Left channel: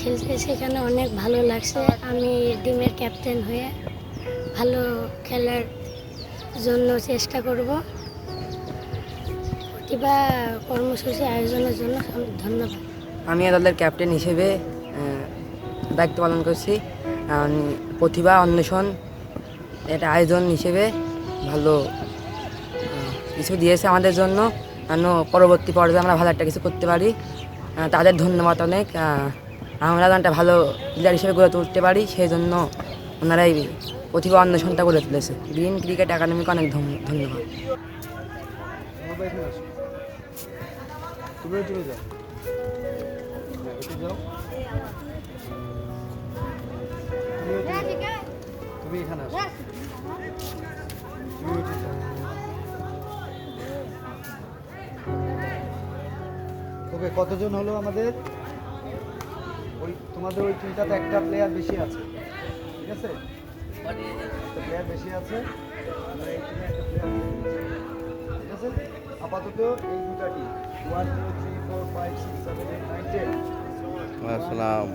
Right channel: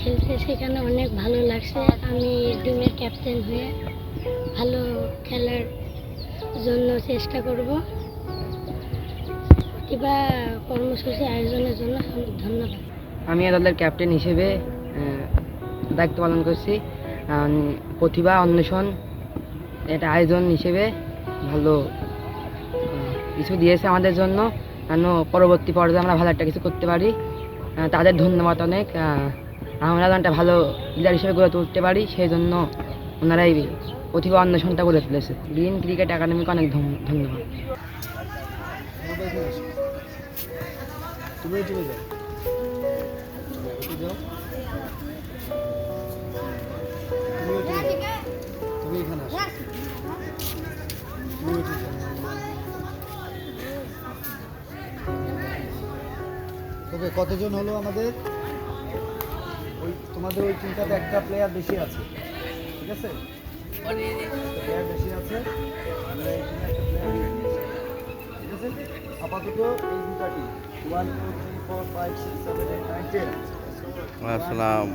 খেলতে সেখানে অনেক ভালো লাগছে। আমি টিমের ক্যাপ্টেন হয়ে ভালো খেলার জন্য চেষ্টা করব। প্রতিভা কর্মসূচি আয়োজনের জন্য ধন্যবাদ। আমি দলের ক্যাপ্টেন হিসেবে দায়িত্ব পালন করছি। প্রতিভা অন্বেষণ এটা আয়োজন হিসেবে ভালো কিছু দিয়েছে আমাদের জন্য, যেন পরবর্তী পর্যায়ে আমরা ভালো একটা কিছু করতে পারি। তাদের ধন্যবাদ অনেক। আমরা যেন একটা ভালো প্লেয়ার হিসেবে গড়ে তুলতে পারি, সেই জন্য ওনারা এই প্রতিভা অন্বেষণটা গড়ে তুলেছে। গ্রিন ক্রিকেট একাডেমিকে অনেক ধন্যবাদ। তুমি এখানে আসো। ওকে, কতজন হলো আমাদের? ওই তোমাদের ওই টিমটাতে একটা প্লেয়ার বেশি আছে, ঠিক আছে? একটা প্লেয়ার বেশি আছে, আমরা এই টিমে একটা প্লেয়ার নিয়ে নিয়েছি, ঠিক আছে? আপাতত এই দুটা টিম 1 2 3 4 5 6 7 8 9 10। আসসালাম।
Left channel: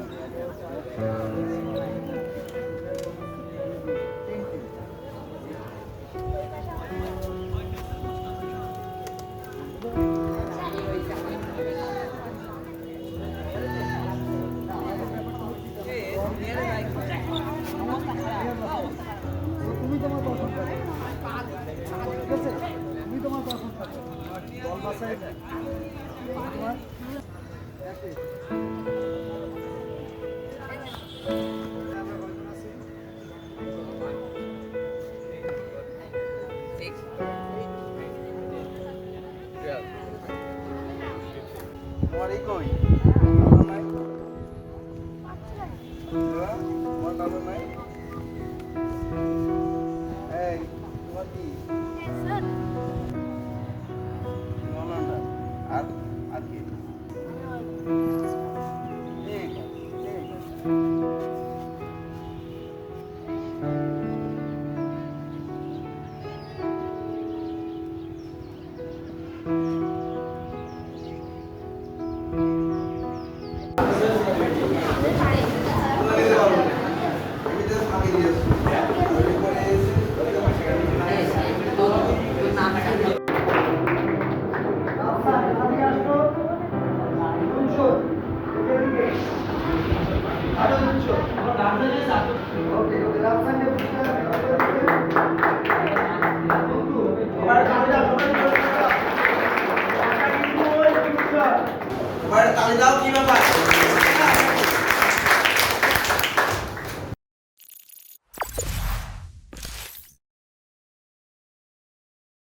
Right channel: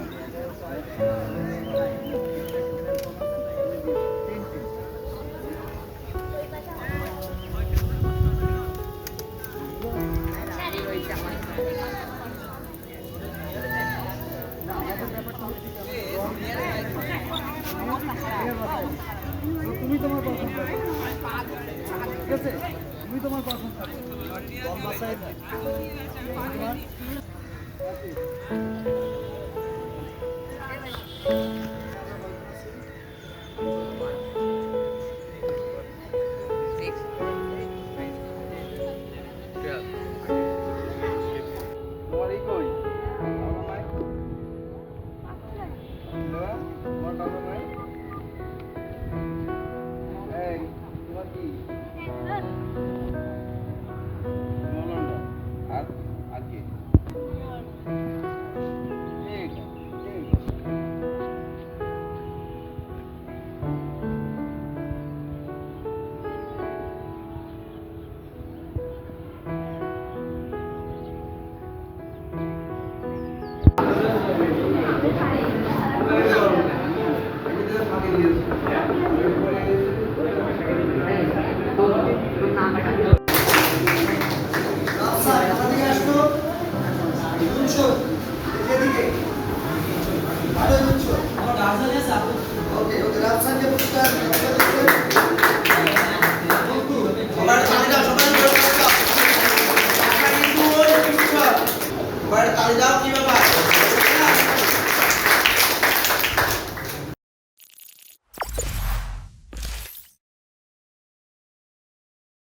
তুমি তোমার পছন্দ করো, ঠিক আছে? তুমি তোমার পছন্দ করো, দল বাসায় তোমার তোমার এই কই নাই, তোমার কালো নাই। এই তোমার কি নলন্ডা আর আর কি তালি দাও, কি ব্যাপার?